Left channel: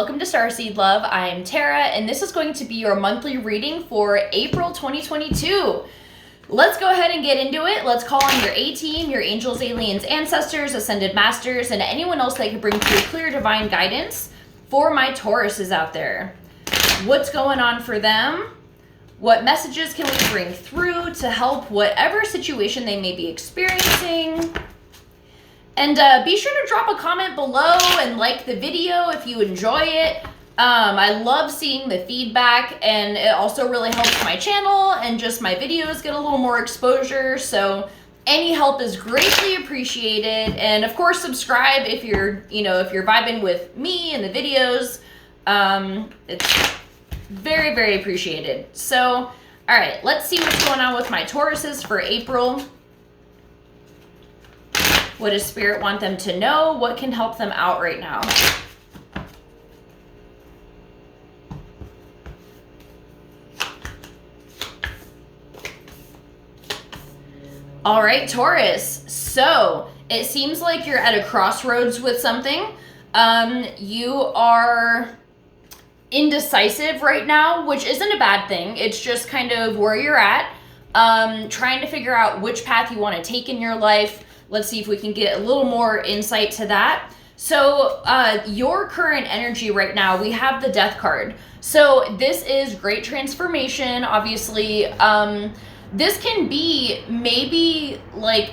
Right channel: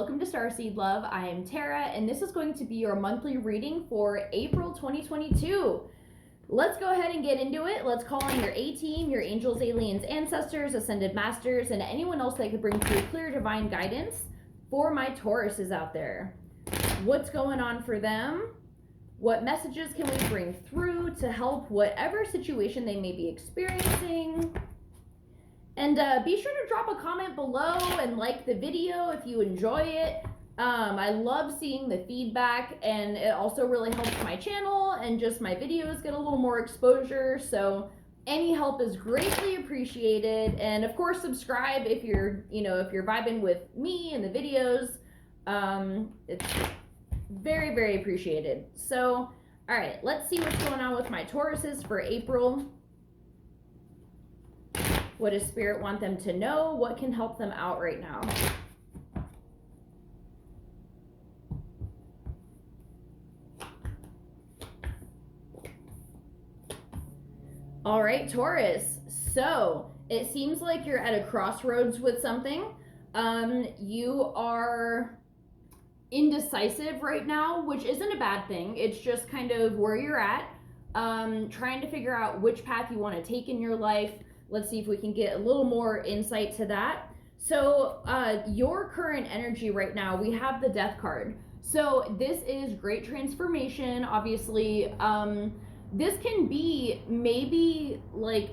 welcome to Starseed Love. I'm Tara, and this is going to be your monthly reading for April 2022. Let's go ahead and get into it. Let's call on your A-team, your angels, aliens, ancestors, ascended masters, and anyone else that can bring through clear divine guidance for my Tauruses out there. What's going on for them? What messages can we bring through to help whatever situation they may be experiencing? And be sure to drop a comment below and like the video if you enjoy it. I love seeing the feedback, and it also really helps my channel and just my videos get a little more exposure. So any help is greatly appreciated. And of course, subscribe if you're vibing with me and the videos. It's very, very appreciated. So, all right, let's see what's going on with my Tauruses for April. What does Spirit want them to know? What can help them out right now? All right, Taurus. So it seems like you're at a crossroads with something. You are indecisive right now, which isn't a bad thing. It's just kind of where you're at, trying to figure out which path you want to take in your life. Let's see if we can get a little more insight to that. So your current energy right now, we have the Death card. So this is great transformation, obviously. This can be maybe like,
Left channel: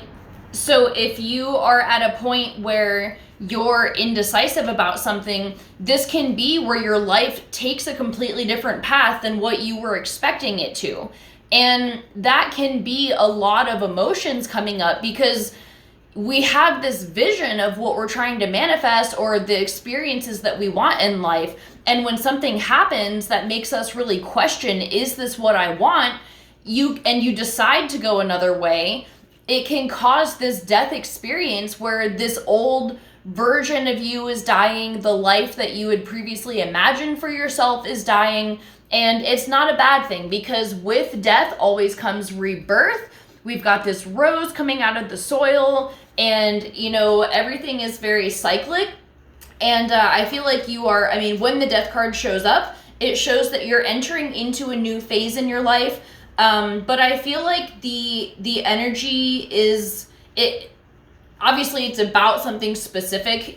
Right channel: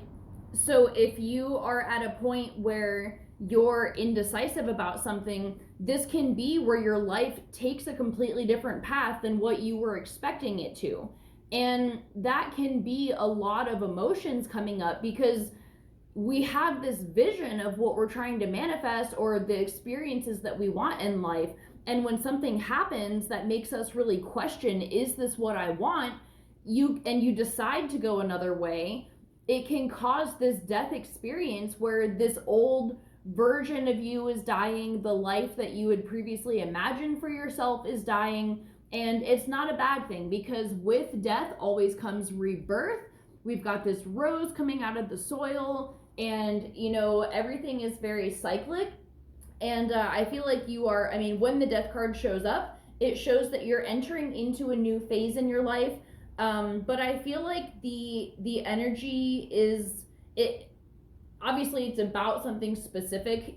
so if you are at a point where you're indecisive about something, this can be where your life takes a completely different path than what you were expecting it to. And that can be a lot of emotions coming up because we have this vision of what we're trying to manifest or the experiences that we want in life. And when something happens that makes us really question, is this what I want? You decide to go another way, it can cause this death experience where this old version of you is dying, the life that you had previously imagined for yourself is dying. And it's not a bad thing because with death always comes rebirth. We've got this rose coming out of the soil, and everything is very cyclic. And I feel like you are, when the Death card shows up, it shows that you're entering into a new phase in your life. But I feel like the energy is, obviously it's about something specific,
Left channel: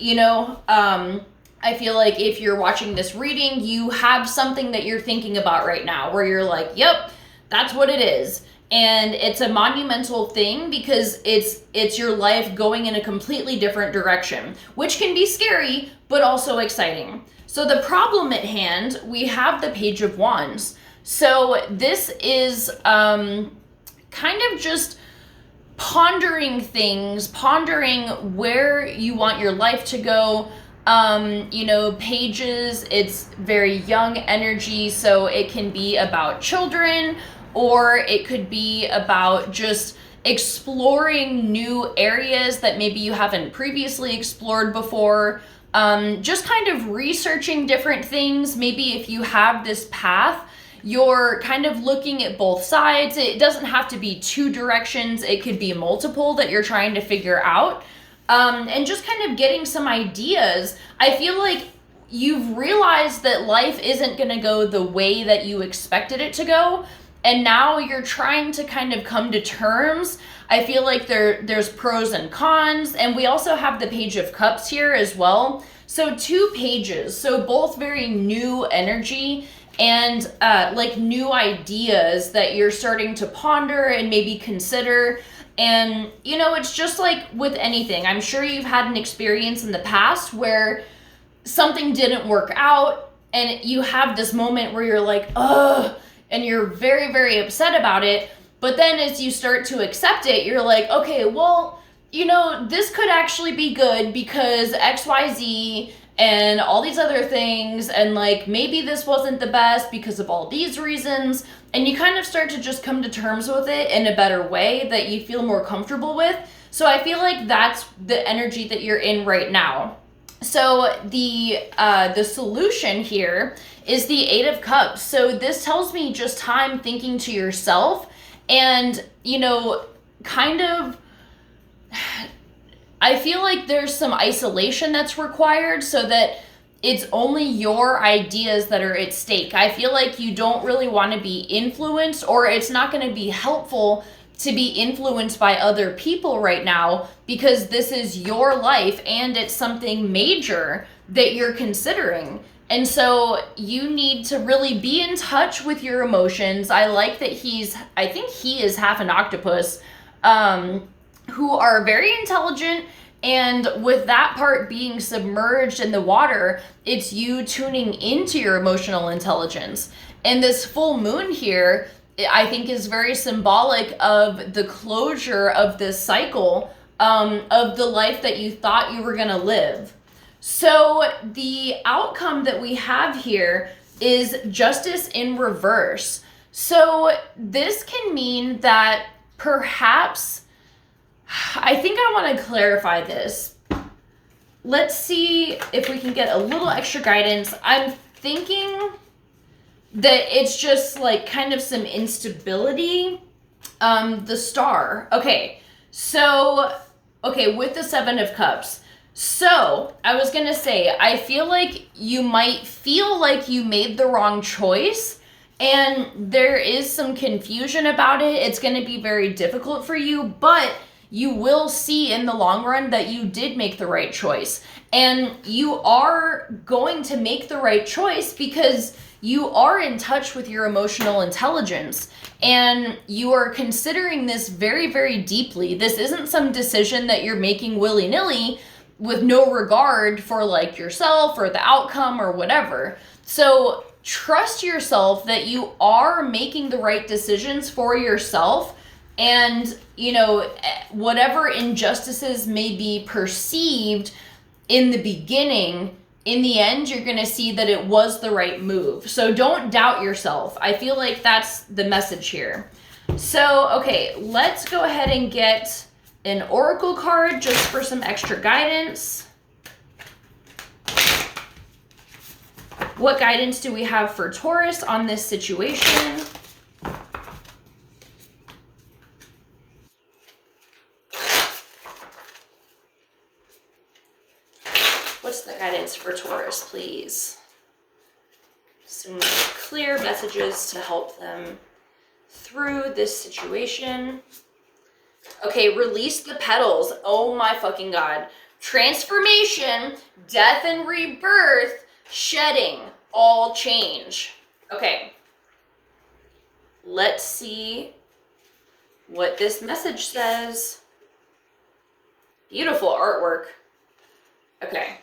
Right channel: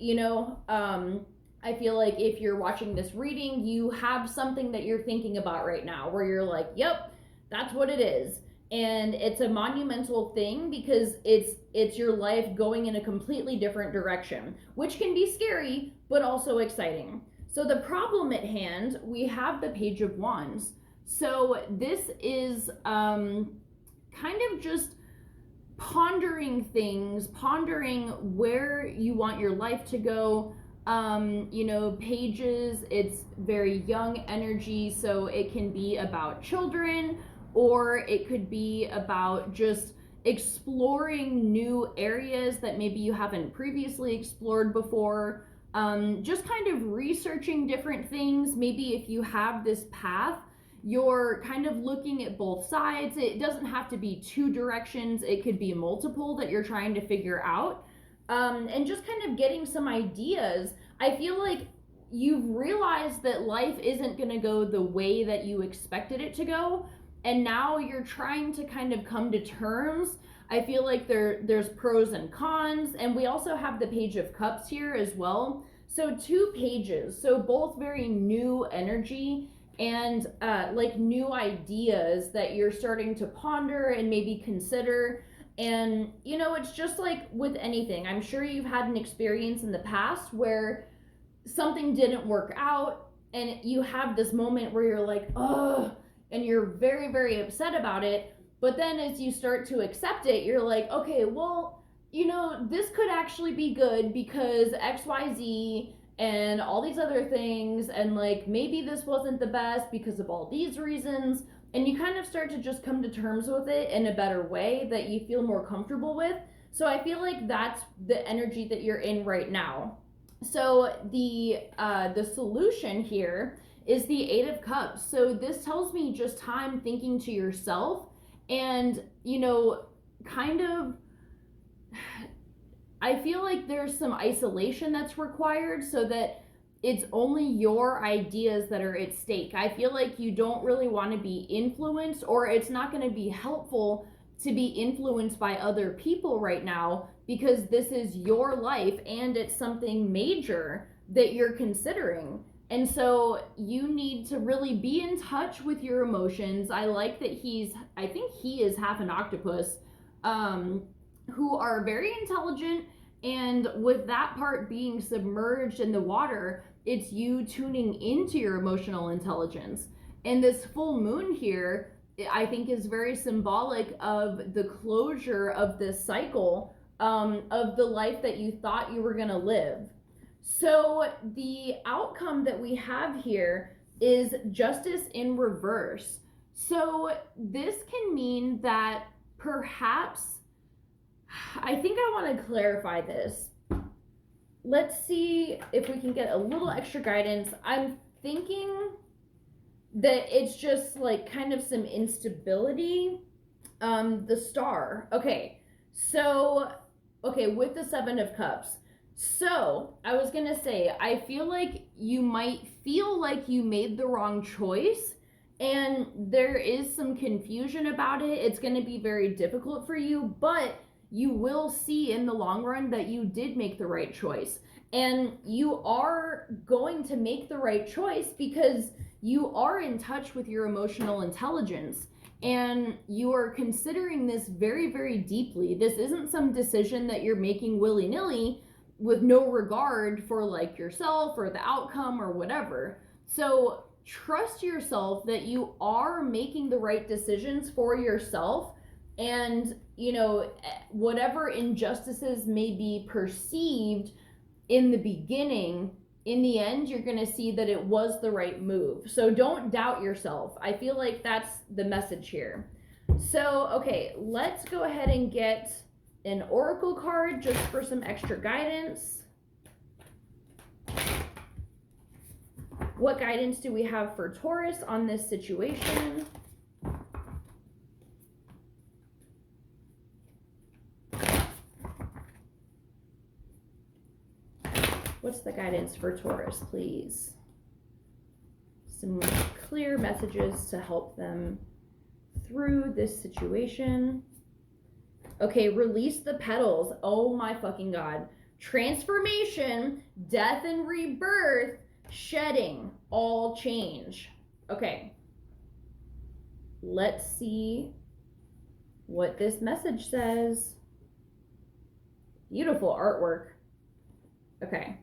I feel like if you're watching this reading, you have something that you're thinking about right now where you're like, yep, that's what it is. And it's a monumental thing because it's your life going in a completely different direction, which can be scary, but also exciting. So the problem at hand, we have the Page of Wands. So this is kind of just pondering things, pondering where you want your life to go. Pages, it's very young energy, so it can be about children, or it could be about just exploring new areas that maybe you haven't previously explored before. Just kind of researching different things. Maybe if you have this path, you're kind of looking at both sides. It doesn't have to be two directions. It could be multiple that you're trying to figure out. And just kind of getting some ideas. I feel like you've realized that life isn't going to go the way that you expected it to go. And now you're trying to kind of come to terms. I feel like there's pros and cons. And we also have the Page of Cups here as well. So two pages. So both very new energy and like new ideas that you're starting to ponder and maybe consider. And, it's just like with anything. I'm sure you've had an experience in the past where something didn't work out and you have this moment where you're like, ugh, and you're very, very upset about it. But then as you start to accept it, you're like, okay, well, this could actually be good because XYZ and all these other things. And like, maybe this wasn't the best because of all these reasons. And you kind of start to just come to terms with it in a better way that you feel more comfortable with. So I feel like that's the energy that you're in right now. So the solution here is the Eight of Cups. So this tells me just time thinking to yourself and, kind of, I feel like there's some isolation that's required so that it's only your ideas that are at stake. I feel like you don't really want to be influenced, or it's not going to be helpful to be influenced by other people right now, because this is your life and it's something major that you're considering. And so you need to really be in touch with your emotions. I like that I think he is half an octopus, who are very intelligent. And with that part being submerged in the water, it's you tuning into your emotional intelligence. And this full moon here, I think, is very symbolic of the closure of this cycle, of the life that you thought you were going to live. So the outcome that we have here is justice in reverse. So this can mean that perhaps, I think I want to clarify this. Let's see if we can get a little extra guidance. I'm thinking that it's just like kind of some instability. The star. Okay, so, with the Seven of Cups. So I was going to say, I feel like you might feel like you made the wrong choice, and there is some confusion about it. It's going to be very difficult for you, but you will see in the long run that you did make the right choice. And you are going to make the right choice because you are in touch with your emotional intelligence. And you are considering this very, very deeply. This isn't some decision that you're making willy-nilly with no regard for like yourself or the outcome or whatever. So trust yourself that you are making the right decisions for yourself. And, whatever injustices may be perceived in the beginning, in the end, you're going to see that it was the right move. So don't doubt yourself. I feel like that's the message here. So, okay, let's go ahead and get an oracle card just for some extra guidance. What guidance do we have for Taurus on this situation? What's the guidance for Taurus, please? Some clear messages to help them through this situation. Okay, release the petals. Oh my fucking God. Transformation, death and rebirth, shedding, all change. Okay. Let's see what this message says. Beautiful artwork. Okay.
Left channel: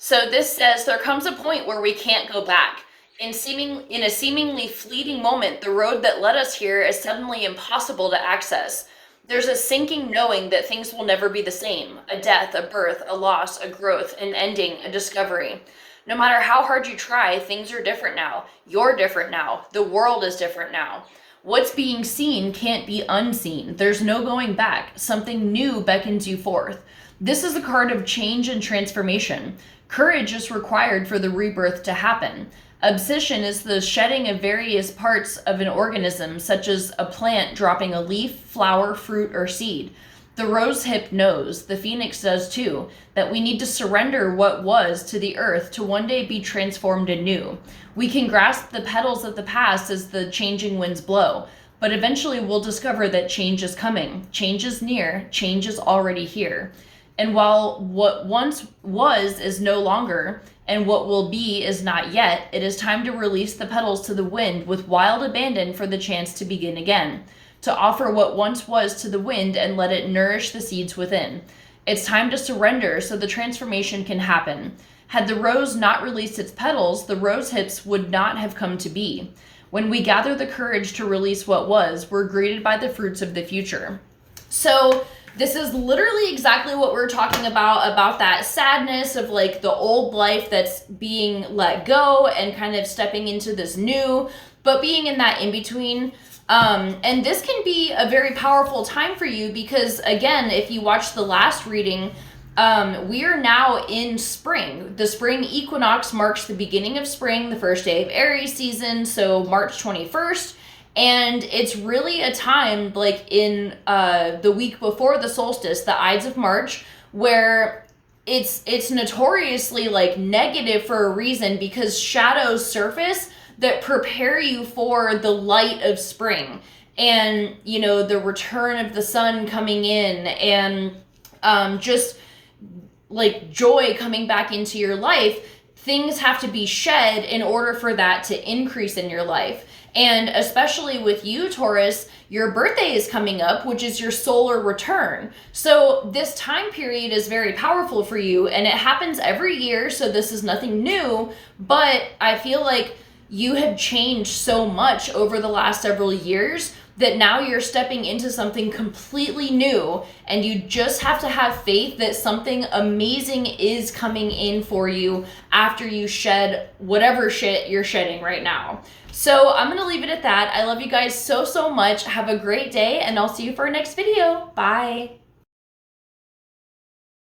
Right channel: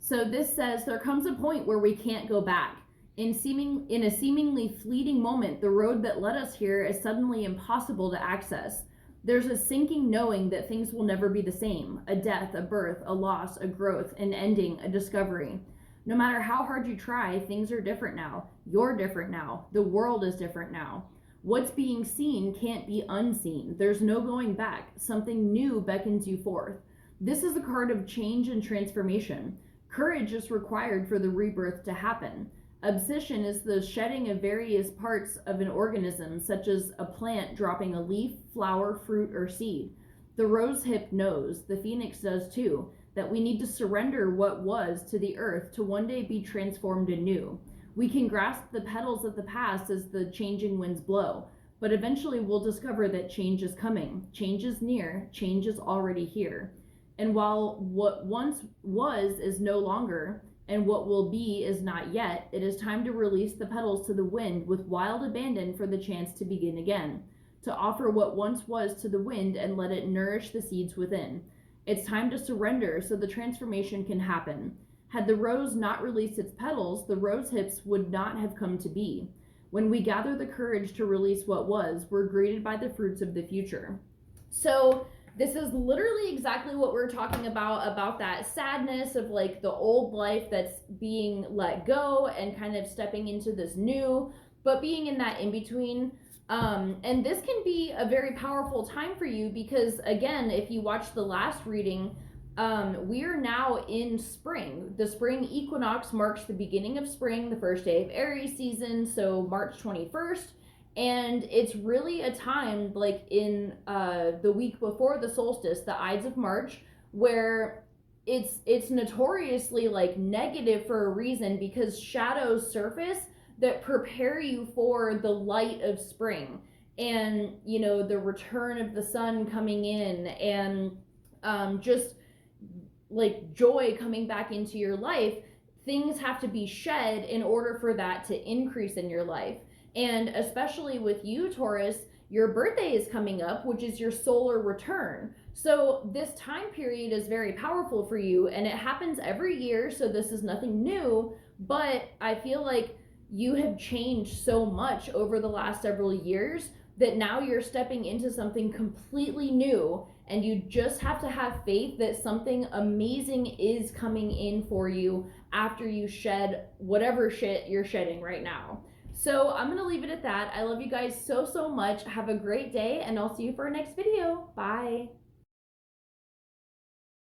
So this says, there comes a point where we can't go back. In a seemingly fleeting moment, the road that led us here is suddenly impossible to access. There's a sinking knowing that things will never be the same. A death, a birth, a loss, a growth, an ending, a discovery. No matter how hard you try, things are different now. You're different now. The world is different now. What's being seen can't be unseen. There's no going back. Something new beckons you forth. This is a card of change and transformation. Courage is required for the rebirth to happen. Abscission is the shedding of various parts of an organism, such as a plant dropping a leaf, flower, fruit, or seed. The rose hip knows, the phoenix does too, that we need to surrender what was to the earth to one day be transformed anew. We can grasp the petals of the past as the changing winds blow, but eventually we'll discover that change is coming. Change is near, change is already here. And while what once was is no longer, and what will be is not yet, it is time to release the petals to the wind with wild abandon for the chance to begin again, to offer what once was to the wind and let it nourish the seeds within. It's time to surrender so the transformation can happen. Had the rose not released its petals, the rose hips would not have come to be. When we gather the courage to release what was, we're greeted by the fruits of the future. So this is literally exactly what we're talking about that sadness of like the old life that's being let go and kind of stepping into this new, but being in that in-between. And this can be a very powerful time for you because, again, if you watch the last reading, we are now in spring. The spring equinox marks the beginning of spring, the first day of Aries season, so March 21st. And it's really a time like in the week before the solstice, the Ides of March, where it's notoriously like negative for a reason, because shadows surface that prepare you for the light of spring, and you know, the return of the sun coming in, and just like joy coming back into your life. Things have to be shed in order for that to increase in your life. And especially with you, Taurus, your birthday is coming up, which is your solar return. So this time period is very powerful for you, and it happens every year, so this is nothing new. But I feel like you have changed so much over the last several years that now you're stepping into something completely new, and you just have to have faith that something amazing is coming in for you after you shed whatever shit you're shedding right now. So I'm gonna leave it at that. I love you guys so much. Have a great day, and I'll see you for our next video. Bye.